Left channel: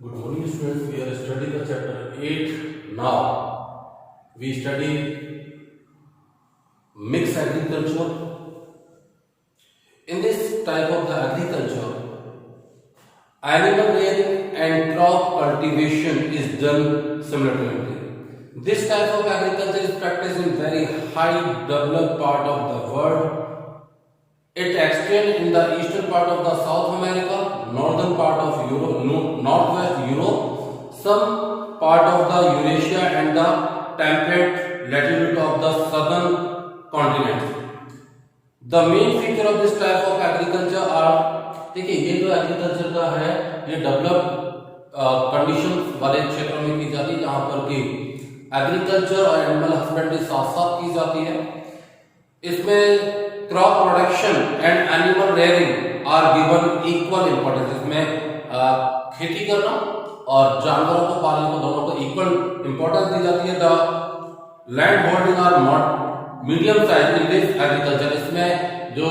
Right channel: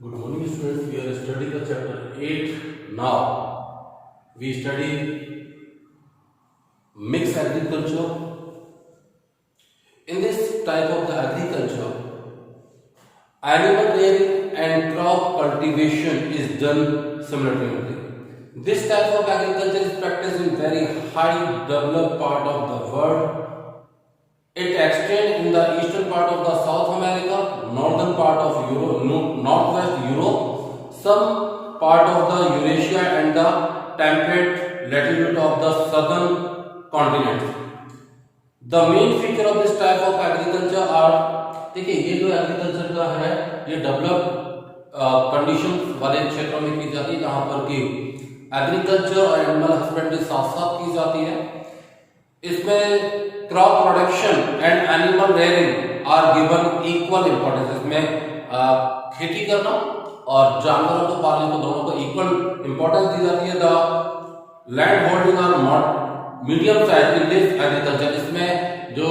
Good morning, students. We are studying the chapter 8 now. We study mixed agriculture. In this type of the agriculture, animal rearing and crop cultivation is done simultaneously. This type of agriculture is practiced in very high developed part of the world. It extends in the eastern part of the South America, northern part of Europe, northwest Europe, some part of the Eurasia and the temperate latitude of the southern continent. The main feature of this type of agriculture are, देखिए ये जो एग्रीकल्चर का है ये develop condition वाले क्षेत्रों में की जाती है जहाँ पर कि एग्रीकल्चर और एनिमल हस्बेंड्री साथ साथ की जाती है। इसमें crop production and animal rearing are given equal importance. इसमें खेती करना और जानवरों को पालने को दोनों को इक्वल इंपॉर्टेंस दी जाती है। The land holding are medium size in this agriculture. इसमें जो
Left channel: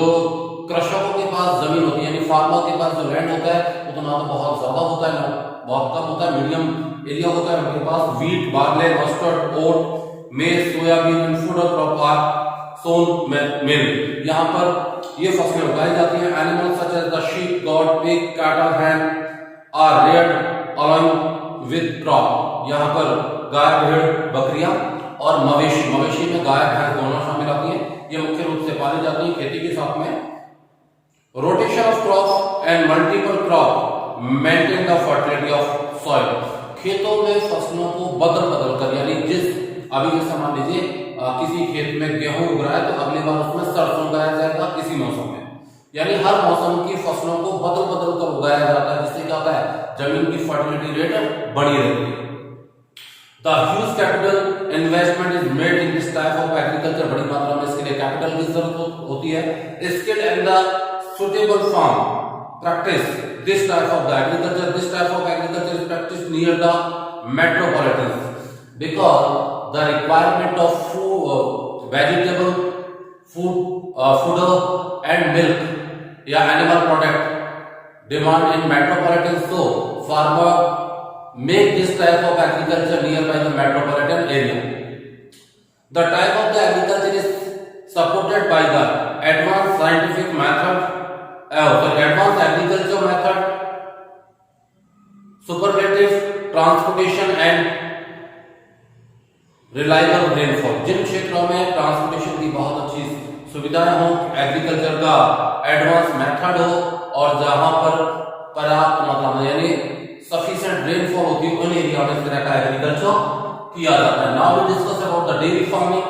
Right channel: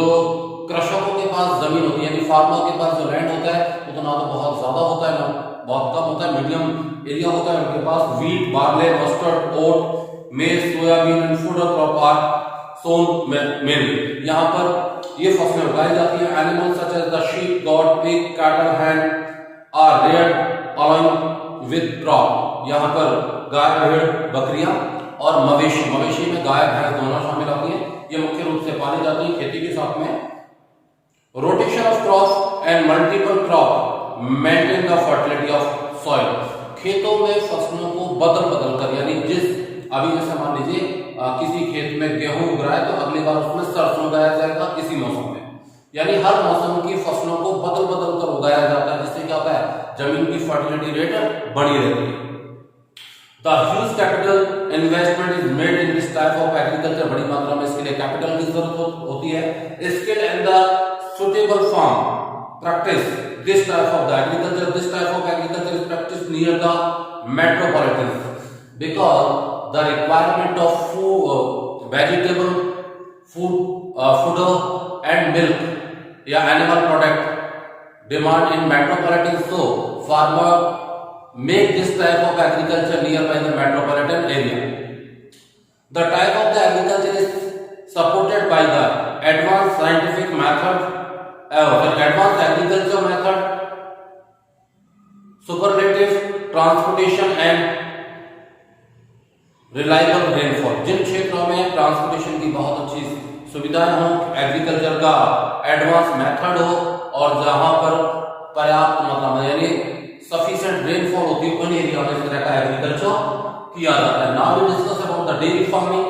कृषकों के पास जमीन होती है यानी फार्मर के पास जो लैंड होता है वो तो ना तो बहुत ज्यादा होता है ना बहुत कम होता है, मीडियम एरिया होता है उनके पास। Wheat, barley, mustard, oat, maize, soybean and food crop are sown mill. यहाँ पर ये फसलें उगाई जाती हैं। Animals such as the sheep, goat, pig, cattle, hen are reared along with crop. यहाँ पर गाय, भेड़, बकरियां और मवेशी में गाय भैंस दोनों शामिल होती हैं। ये मुख्य रूप से पाली जाती है खेती के साथ में। Rotation of crop and multiple crop maintain the fertility of soil. खेतों में फसलों को बदल कर यानी अभी जैसे मान लीजिए किसी खेत में गेहूं उग रहा है तो अगली बार उसमें सरसों उगाया जाएगा इसी मौसम में, यानी हर मौसम की फसलों को बदल कर उगाया जाता है जिससे क्या होता है जमीन की फर्टिलिटी रेट बढ़ी रहती है। The huge capital investment is made in this type of agriculture. बड़ी मात्रा में इसके लिए कैपिटल की जरूरत होती है। Skill and the suitable farm practice this type of the agriculture. This type of agriculture is practice near the metropolitan because the requirement of food, vegetable, fodder and milk या animal product demand in metropolitan, so farmer make this type of agriculture nearby the metropolitan area. The type of the agriculture is supported by the advanced scientific method, advanced agriculture method, superlative transportation and reliable rainfall. जिन क्षेत्रों में ट्रांसपोर्टेशन की बहुत अच्छी सुविधाएं हो, एग्रीकल्चर का advance method हो और जहां पर पर्याप्त मात्रा में यानी सफिशिएंट रेनफॉल होती है उन एरिया में इस तरह का एग्रीकल्चर किया जाता है। Now we discuss about the dairy farming.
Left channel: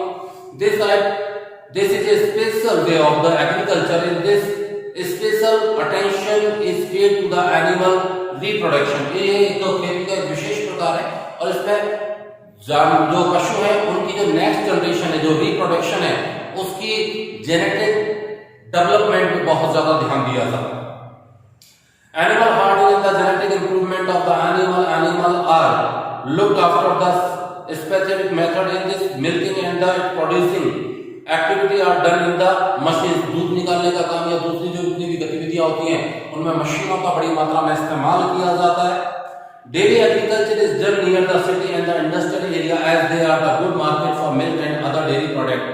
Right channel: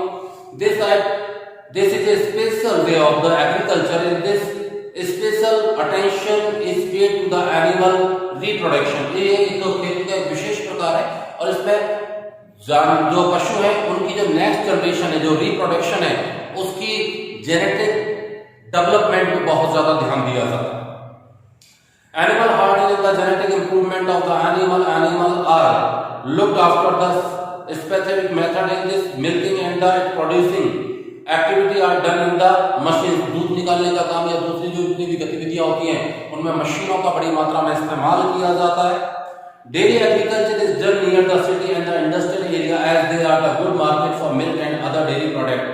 This is a special day of the agriculture. In this special attention is paid to the animal reproduction. ये एक खेती का विशेष प्रकार है और इसमें जो पशु है उनकी जो नेक्स्ट जनरेशन है जो रिप्रोडक्शन है उसकी जेनेटिक डेवलपमेंट में बहुत ज्यादा ध्यान दिया जाता है। Animal herding is the genetic improvement of the animal are looked after the specific method in this milking and the producing activity are done in the machine. दूध निकालने का काम या दूसरी जो जितनी भी गतिविधियां होती हैं उनमें मशीनों का बड़ी मात्रा में इस्तेमाल किया जाता है। Dairy agriculture is done near the city and the industrial area as they are the good market for milk and other dairy product।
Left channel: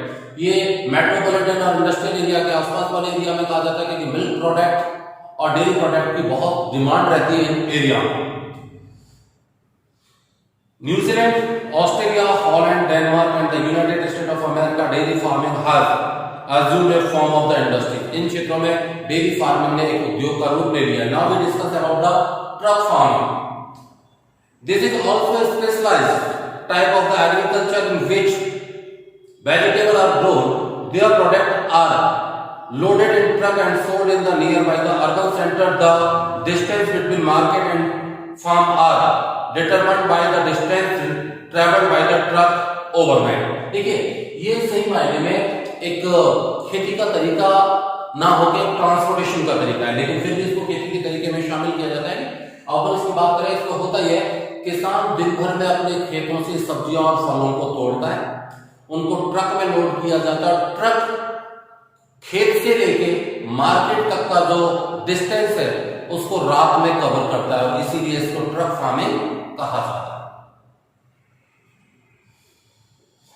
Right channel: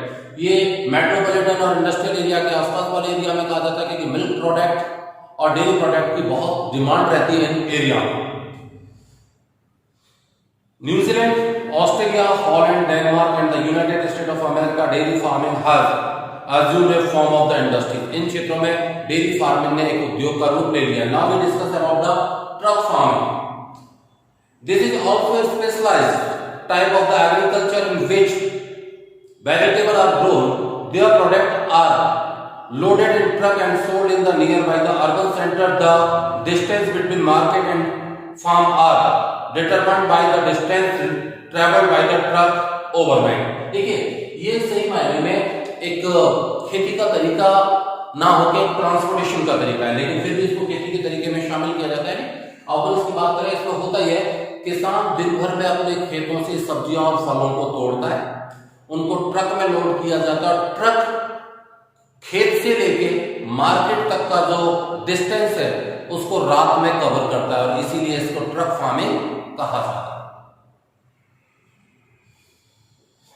ये मेट्रोपॉलिटन और इंडस्ट्रियल एरिया के आसपास वाले एरिया में कहा जाता है कि मिल्क प्रोडक्ट और डेयरी प्रोडक्ट की बहुत डिमांड रहती है इन एरिया में। New Zealand, Australia, Holland, Denmark and the United state of America dairy farming has assumed a form of the industry। इन क्षेत्रों में डेयरी फार्मिंग ने एक उद्योग का रूप ले लिया। Now we discuss about the truck farming. This is also a specialized type of the agriculture in which vegetables are grown. Their products are loaded in truck and sold in the nearby the urban center. The distance between market and farm are determined by the distance traveled by the truck overnight। देखिए ये सही मायने में एक खेती का तरीका ना होकर ट्रांसपोर्टेशन का तरीका है, लेकिन फिर भी इसको खेती के तरीके में शामिल किया जाता है। अगर इसकी बात करें इसमें होता ही है किसान दिन भर में अपने खेतों से सब्जियां और फलों को तोड़ता है, उनको ट्रक में लोड किया जाता है। ट्रक खेत से लेके मार्केट तक का जो डिस्टेंस है उसको रात में कवर करता है और इसीलिए इसको ट्रक फार्मिंग कहा जाता है।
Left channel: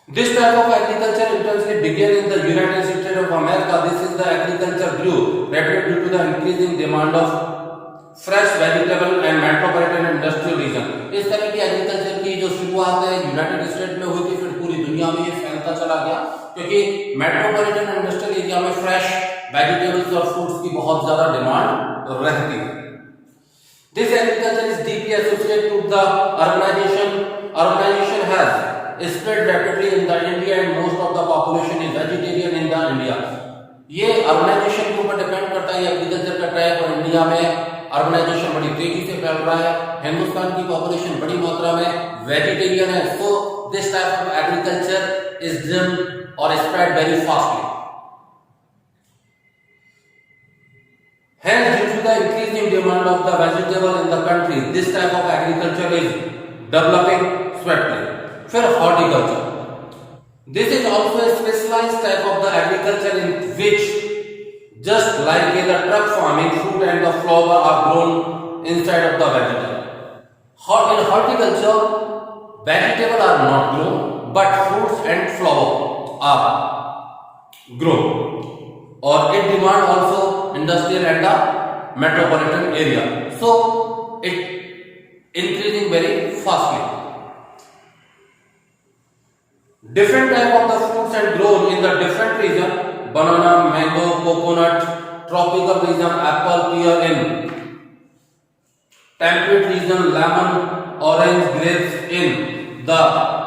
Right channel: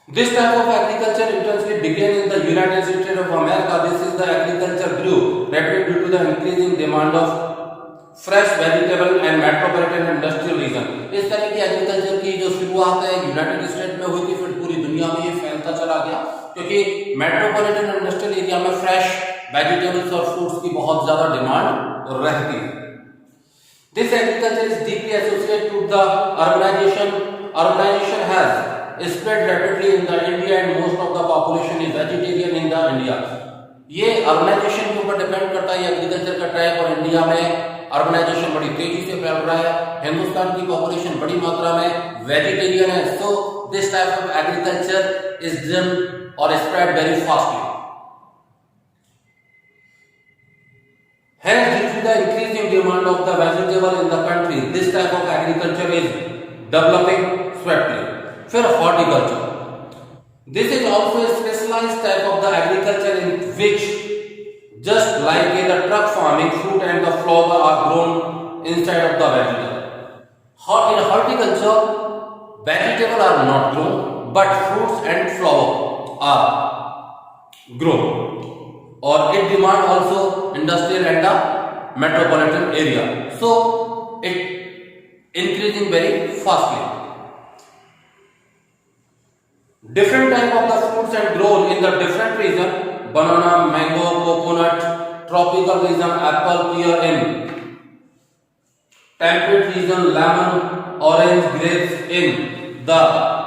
This type of agriculture intensely began in the United States of America. This is the agriculture grew rapidly due to the increasing demand of fresh vegetable and metropolitan industrial region. इस तरह की एग्रीकल्चर की जो शुरुआत है यूनाइटेड स्टेट में हुई थी, फिर पूरी दुनिया में ये फैलता चला गया क्योंकि मेट्रोपॉलिटन इंडस्ट्रियल एरिया में फ्रेश वेजिटेबल्स और फ्रूट्स की बहुत ज्यादा डिमांड रहती है। This agriculture is deeply associated with the urbanization. Urbanization has spread rapidly in the India and most of the population is vegetarian in the India. ये अर्बनाइजेशन के ऊपर डिपेंड करता है एग्रीकल्चर का ट्रैक, और इंडिया में अर्बनाइजेशन बड़ी तेजी से फैल रहा है। हिंदुस्तान की पॉपुलेशन बड़ी मात्रा में वेजिटेरियन है, so this type of agriculture is done और spread very fastly. Hence, due to the increasing demand of the vegetable in the country, this type of agriculture is developing swiftly. फिर horticulture. This is also a specialized type of the agriculture in which, just like in the truck farming, fruit and the flower are grown inside of the vegetable. In horticulture, vegetables are not grown, but fruits and flower are grown. Or it demand also industrial and the metropolitan area, so it increasing very fastly. Different type of the fruits are grown in the different region: banana, mango, coconut. Tropical region, apple, pear. In temperate region, lemon, orange, grapes. In the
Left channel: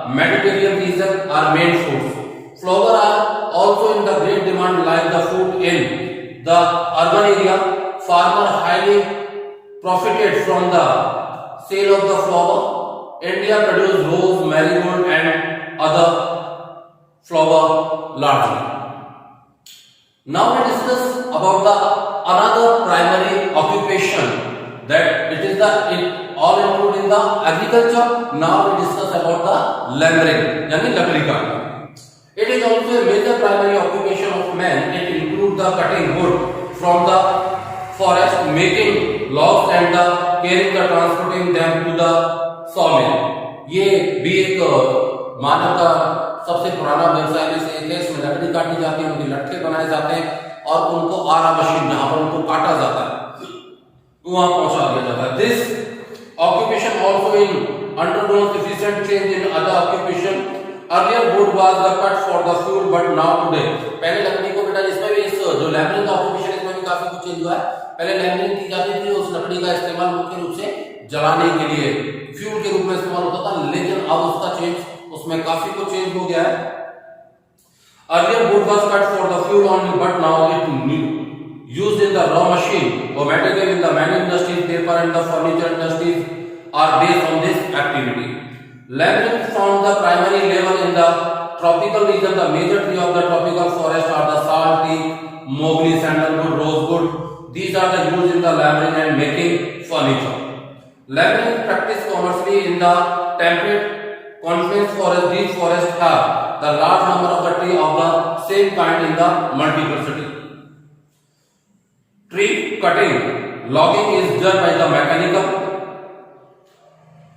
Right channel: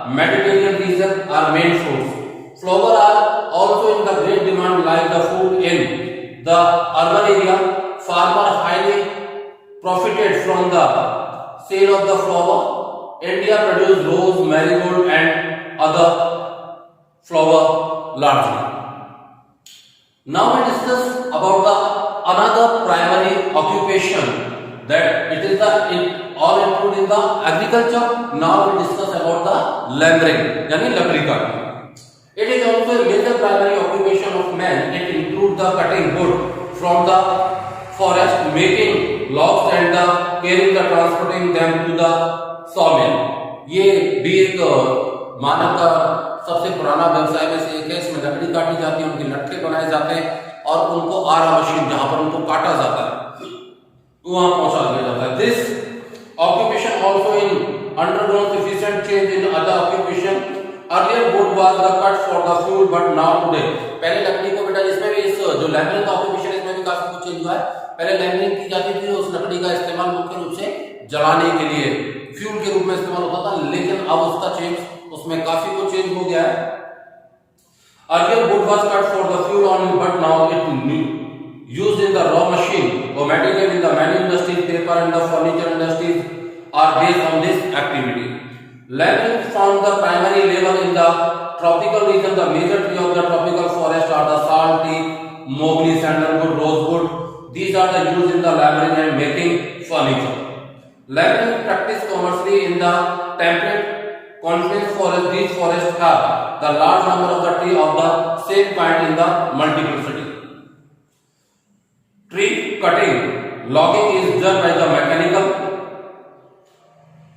Mediterranean region are main fruits. Flower are also in the great demand like the food. In the urban area, farmer highly profited from the sale of the flower. India produce rose, marigold and other flower largely. Now we discuss about the another primary occupation that it is the all included in the agriculture. Now we discuss about the laboring, yani lakdi ka. It is also a major primary occupation of man. It includes the cutting wood from the forest, making logs and the carrying the transporting them to the sawmill. ये भी एक मानव का सबसे पुराना व्यवसाय में से एक है। इसमें लकड़ी काटी जाती है, उनके लट्ठे बनाए जाते हैं और उनको आरा मशीन जहां पर उनको काटा जाता है वहां पहुंचा दिया जाता है। This occupation also in undergone sufficient change in other occupation. Earlier wood was the cut for the fuel, but now today पहले लकड़ी को बेटा इसमें भी इस जो लैमिनिंग का ऑक्यूपेशन इसमें भी काफी कुछ चेंज हुआ है। पहले लैमिनिंग की जाती थी, उस लकड़ी का इस्तेमाल मुख्य रूप से जलाने के लिए फ्यूल के रूप में इस्तेमाल होता था, लेकिन अब उसका चेंज उसमें काफी कुछ चेंज हो गया है। Earlier wood was cut for the fuel only, but now it used in the raw machine or material in the many industries, paper and the furniture industries are based on this activity. Labyrinth found the primary level in the tropical region. The major tree of the tropical forest are the sal tree, mogli, sandalwood, rosewood. These are the used in the labyrinth and making furniture. Labyrinth practiced commercially in the temperate confluence forest. These forests have the large number of the tree of the same kind in the multiplicity. Tree cutting, logging is done by the mechanical.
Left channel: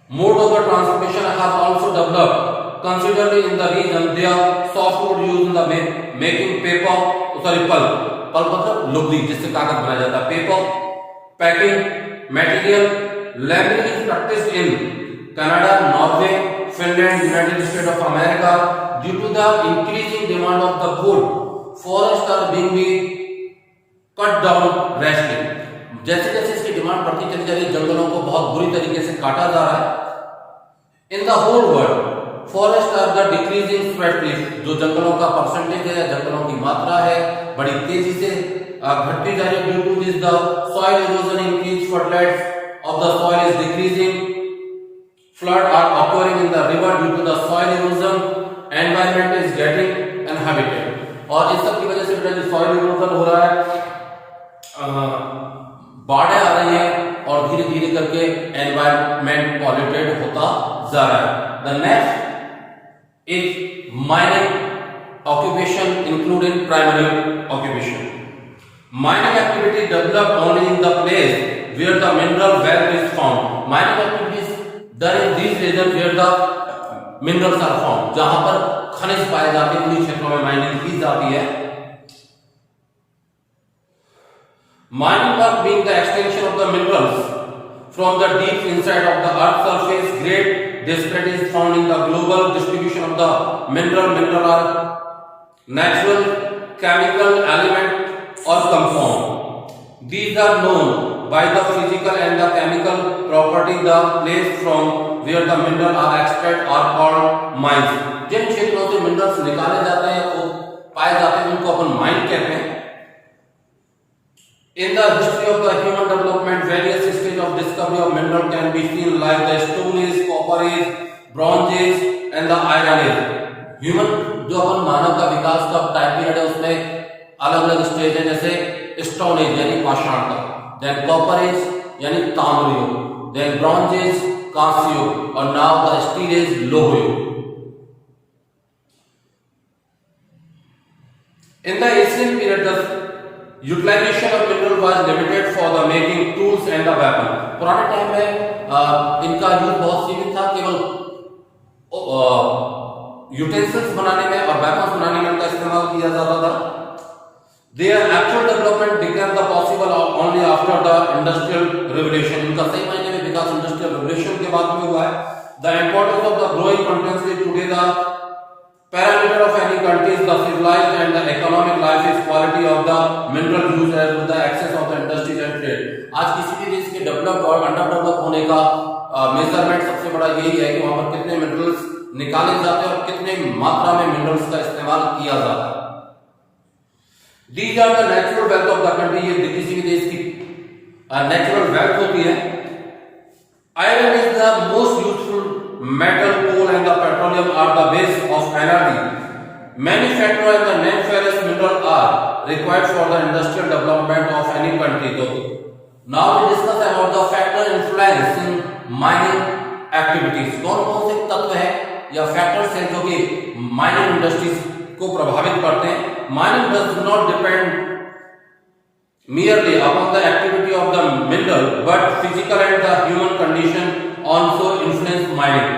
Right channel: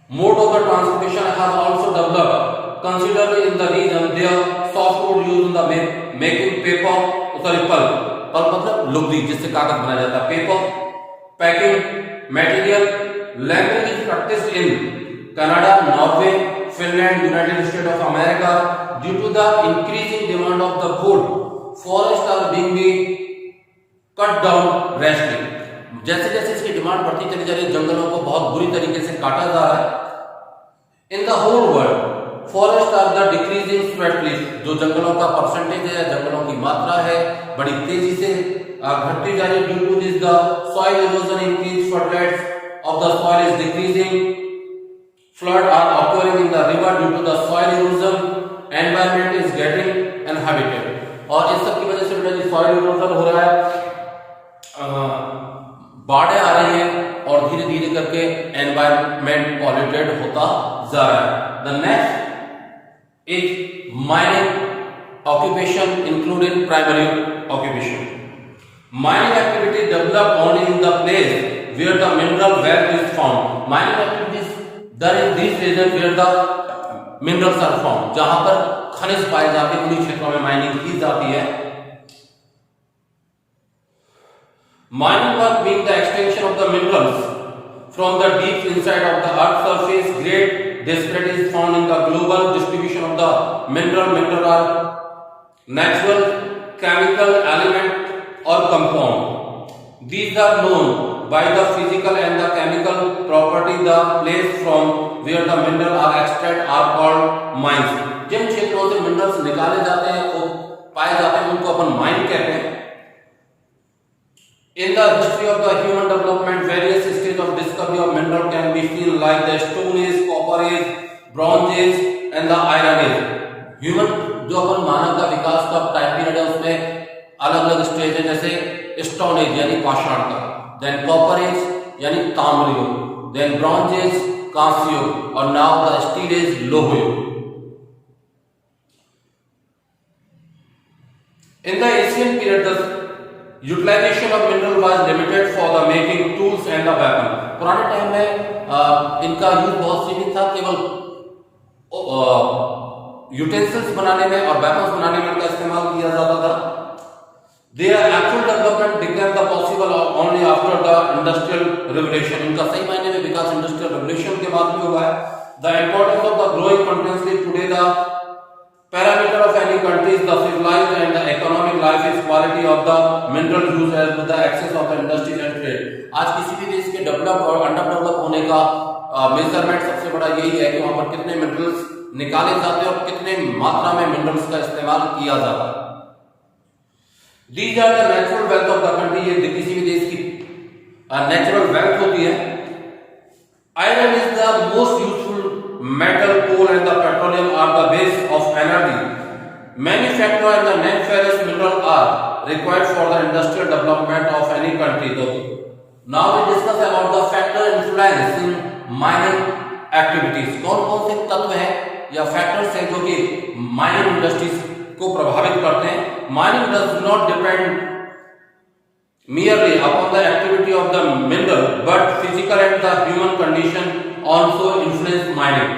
Mode of the transportation has also developed considerably in the region. There softwood used in the making paper, pulp. Pulp मतलब लुगदी जिससे कागज बनाया जाता है। Paper, packing material. Labeling is practiced in Canada, Norway, Finland, United States of America. Due to the increasing demand of the wood, forests are being cut down drastically. जैसे जैसे इसकी डिमांड बढ़ती चली जा रही है, जंगलों को बहुत बुरी तरीके से काटा जा रहा है। In the whole world forest are the decreasing spreadly. जो जंगलों का परसेंटेज है या जंगलों की मात्रा है बड़ी तेजी से घटती जा रही है। Due to this the soil erosion increase, fertilization of the soil is decreasing, flood are occurring in the river due to the soil erosion, environment is getting inhabited. और इस सब की वजह से बेटा सॉइल इरोजन हो रहा है, बाढ़ें आ रही हैं और धीरे धीरे करके एनवायरमेंट पॉल्यूटेड होता जा रहा है। The next is mining occupation including primary occupation. Mining activity develop only in the place where the mineral wealth is found. Mining activities done in these regions where the minerals are found. जहां पर खनिज पाए जाते हैं उन क्षेत्रों में माइनिंग की जाती है. Mining work being the extension of the minerals from the deep inside of the earth's surface. Great disparity is found in the global distribution of the mineral. Mineral are natural, chemical element or compound. These are known by the physical and the chemical property. The place from where the mineral are extracted are called mines. जिन क्षेत्रों से मिनरल्स निकाले जाते हैं वो पाए जाते हैं उनको अपन माइन कहते हैं. In the history of the human development, various stages of discovery of mineral can be seen like the Stone Age, Copper Age, Bronze Age and the Iron Age. Human जो अपन मानव का विकास का टाइम पीरियड है उसमें अलग अलग स्टेज है, जैसे stone age यानी पाषाण का, देन कॉपर एज यानी ताम्र युग, देन ब्रॉन्ज एज कांस्य युग और नाउ द स्टील एज लौह युग. In the ancient period, the utilization of mineral was limited for the making tools and the weapon. पुराने टाइम में इनका यूज बहुत सीमित था, केवल यूटेंसिल्स बनाने में और वेपन्स बनाने में इनका इस्तेमाल किया जाता था. Their actual development became the possible only after the industrial revolution. इनका सही मायने में विकास इंडस्ट्रियल रेवोल्यूशन के बाद में हुआ है. The importance of the growing continuously today the parameter of any country is the civilized and the economic life is quality of the mineral use and the access of the industry and trade. आज किसी भी देश के डेवलप और under develop होने का मेजरमेंट सबसे बड़ा यही है कि वहां पर कितने मिनरल्स निकाले जाते हैं और कितने मात्रा में मिनरल्स का इस्तेमाल किया जाता है. These are the natural wealth of the country. ये किसी भी देश की नेचुरल वेल्थ होती है. Iron is the most useful metal. Coal and the petroleum are the base of energy. Many factors and the non-ferrous minerals are required for the industrial development of any country. Now we discuss about the factor influence in mining activities. कौन-कौन से तत्व हैं या फैक्टर्स हैं जो कि mining industries को प्रभावित करते हैं. Mining does not depend merely upon the activity of the mineral, but physical and the human condition also influence mining.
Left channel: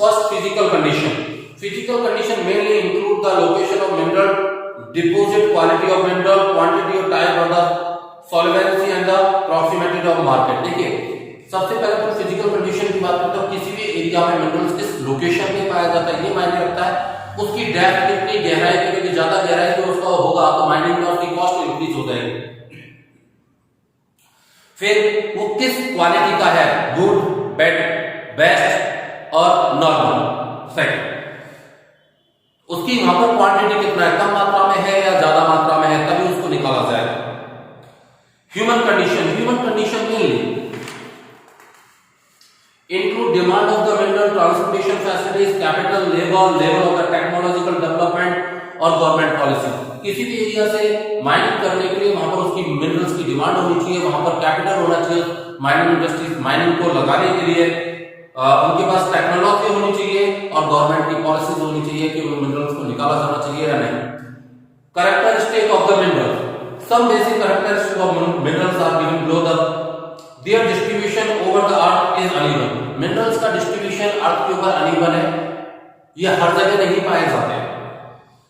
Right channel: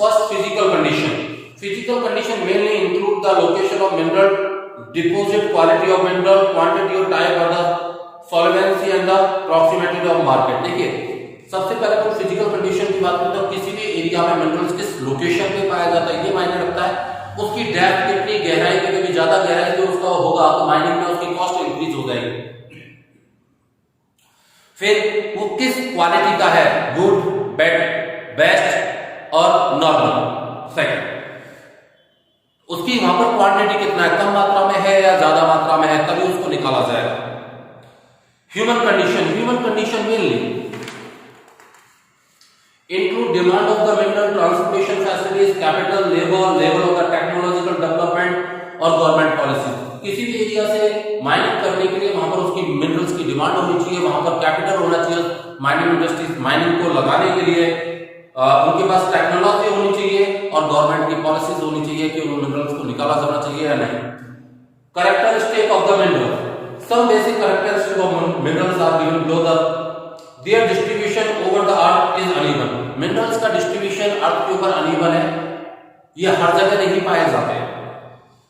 First, physical condition. Physical condition mainly include the location of mineral, deposit quality of mineral, quantity or type of the solvency and the proximity of market. देखिए, सबसे पहले तो physical condition की बात करते हैं. किसी भी एरिया में मिनरल्स किस लोकेशन पे पाया जाता है ये मायने रखता है. उसकी डेप्थ कितनी, गहराई कितनी, ज्यादा गहराई जो उसका होगा तो माइनिंग में उसकी कॉस्ट इंक्रीज हो जाएगी. फिर वो किस क्वालिटी का है, गुड, बैड, बेस्ट और नॉर्मल. सेकंड, उसकी वहां पर क्वांटिटी कितना है, कम मात्रा में है या ज्यादा मात्रा में है, तभी उसको निकाला जाएगा. Human condition mainly include demand of the mineral, transportation facilities, capital, level of the technological development और गवर्नमेंट पॉलिसी. किसी भी एरिया से माइनिंग करने के लिए वहां पर उसकी मिनरल्स की डिमांड होनी चाहिए, वहां पर कैपिटल होना चाहिए माइनिंग इंडस्ट्रीज माइनिंग को लगाने के लिए, उनके पास टेक्नोलॉजी होनी चाहिए और गवर्नमेंट की पॉलिसीज होनी चाहिए कि उन मिनरल्स को निकाला जाना चाहिए या नहीं. Characteristic of the mineral. Some basic characteristic of minerals are given below. The Their distribution over the earth is uneven. Minerals का distribution अर्थ के ऊपर uneven है, ये हर जगह नहीं पाए जाते.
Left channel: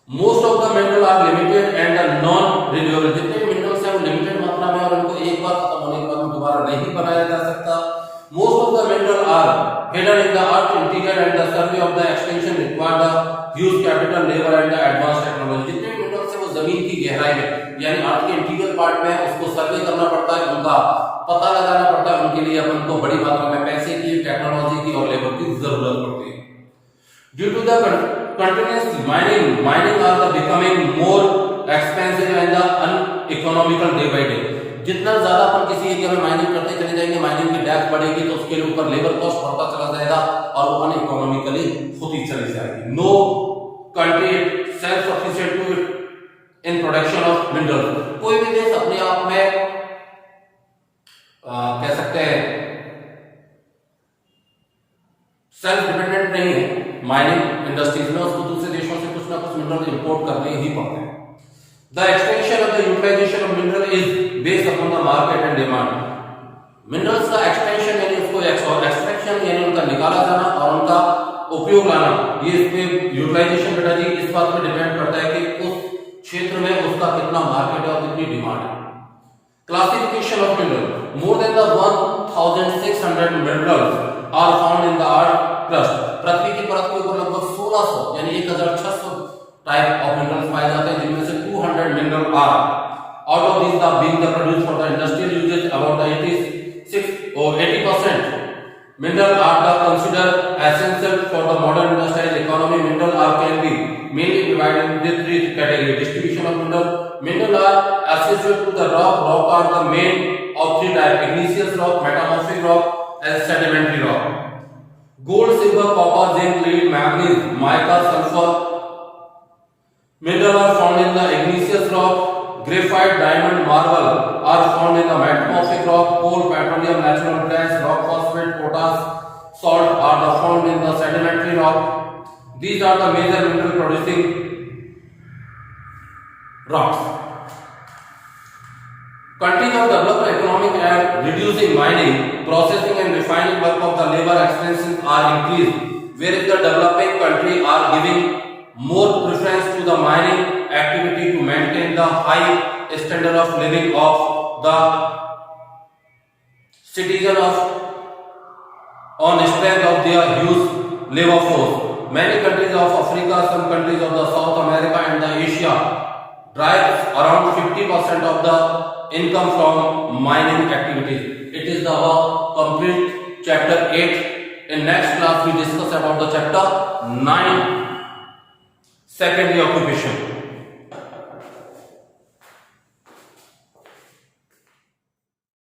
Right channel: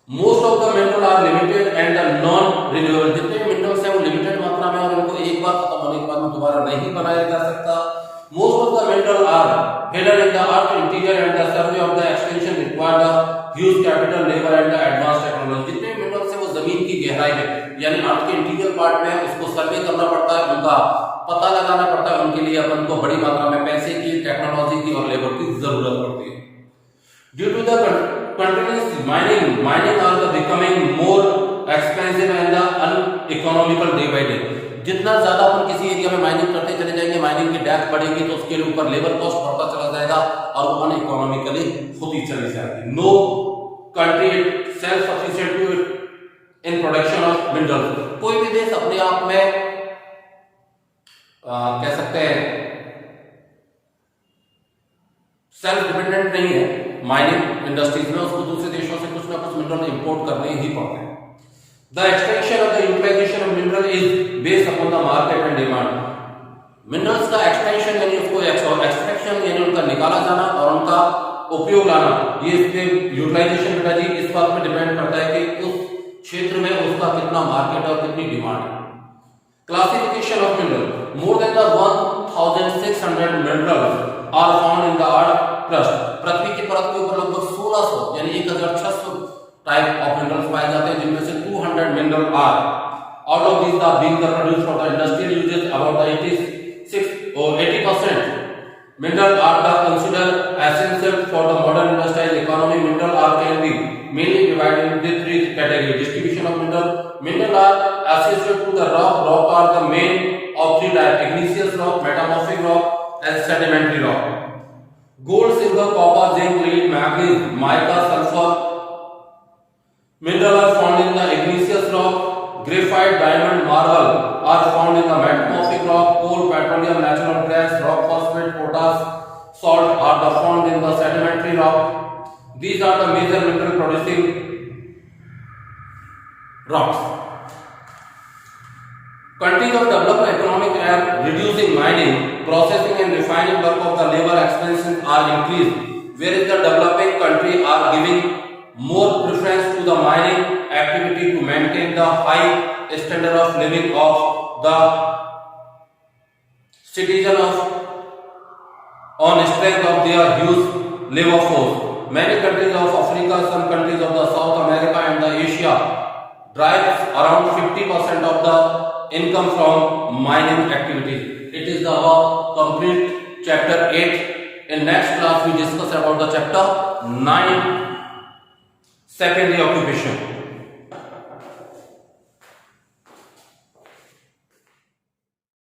Most of the minerals are limited and non-renewable. जितने minerals हैं वो limited मात्रा में और उनको एक बार खत्म होने के बाद दोबारा नहीं बनाया जा सकता. Most of the minerals are hidden in the earth interior and the survey of the extension require the huge capital, labor and the advanced technology. जितने minerals हैं वो जमीन की गहराई में यानी अर्थ के इंटीरियर पार्ट में है, उसको सर्वे करना पड़ता है, उनका पता लगाना पड़ता है. उनके लिए अपन को बड़ी मात्रा में पैसे की, टेक्नोलॉजी की और लेबर की जरूरत पड़ती है. Due to the continuous mining are the becoming more expensive and the uneconomical day by day. जितना ज्यादा अपन किसी एरिया में माइनिंग करते चले जाएंगे, माइनिंग की डेप्थ बढ़ेगी तो उसके ऊपर लेबर कॉस्ट बढ़ता चला जाएगा और वो अनइकोनॉमिकली होती चली जाएगी. No country self sufficient in production of mineral. कोई भी देश अपने आप में कह सकते हैं सेल्फ डिपेंडेंट नहीं है माइनिंग इंडस्ट्रीज में, उसको दूसरे देशों से कुछ कुछ ना कुछ मिनरल इंपोर्ट करने ही पड़ते हैं। The extension of the utilization of mineral is based upon the market and demand. Minerals का एक्सटेंशन यानी उसको एक्सट्रैक्शन यानी उनका निकाला जाना और उनका उपयोग लाना, ये इसमें यूटिलाइजेशन बेटा जी इस बात पे डिपेंड करता है कि उस क्षेत्र में उसका कितना मार्केट और कितनी डिमांड है। Classification of mineral, more than the 1600 minerals are found in the earth crust. पृथ्वी की परत के ऊपर लगभग 1600 यानी 1600 टाइप ऑफ मिनरल पाए जाते हैं, जिनमें से 200 mineral are out of this are being produced for the industrial uses. About 86 or 80% mineral are considered essential for the modern industrial economy. Mineral are can be mainly divided into three categories. Distribution of mineral. Mineral are associated to the rock. Rock are the main of three types: igneous rock, metamorphic rock, and sedimentary rock. Gold, silver, copper, zinc, lead, manganese, mica, sulfur. Mineral are found in the igneous rock. Graphite, diamond, marble are found in the metamorphic rock. Coal, petroleum, natural gas, rock phosphate, potash, salt are the found in the sedimentary rock. These are the major mineral producing rocks. Countries of developed economic and reducing mining, processing and refining work of the labor expenses are increased, whereas the developing country are giving more preference to the mining activity to maintain the high standard of living of the citizen of on strength of their huge labor force. Many countries of Africa, some countries of the South America and the Asia derive around 50% of the income from mining activities. It is the complete chapter 8. In next class we discuss about the chapter 9, secondary occupation.